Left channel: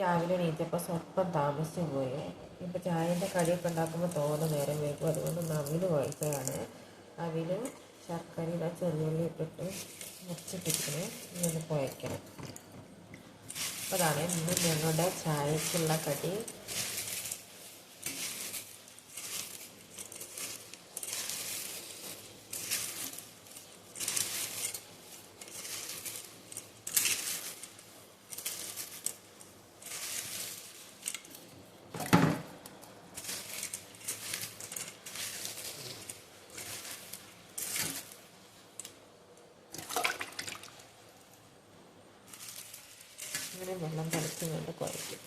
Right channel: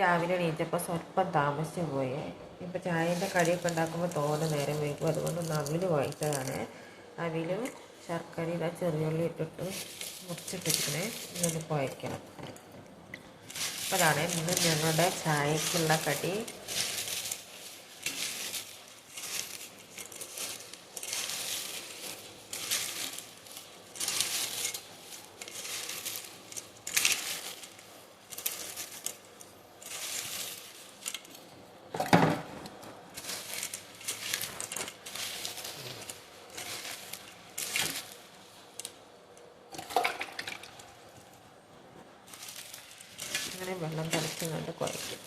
രാവിലെ എണീറ്റപ്പോൾ സ്വല്പം താമസിച്ചു പോയി. ഇപ്പോൾ ചായന്റെ കടിയൊക്കെ ഉണ്ടാക്കുമ്പോൾ തോന്നുന്ന നേരം വൈകും. അതുകൊണ്ടൊന്ന് അവിൽ വായിച്ചതാണ് അവിലും ശർക്കര ഇതാ ചെറിയുള്ളി ഇട്ടിട്ട് മുറിച്ചിട്ടിരിക്കണേ. ഇങ്ങനെ പോയക്കണം അപ്പോൾ അതാണ് ഇന്ന് ഞങ്ങളുടെ ചായക്കുള്ള കടി. അങ്ങനെ വെള്ളം തിളച്ചുകൊണ്ട് കുഴയ്ക്കും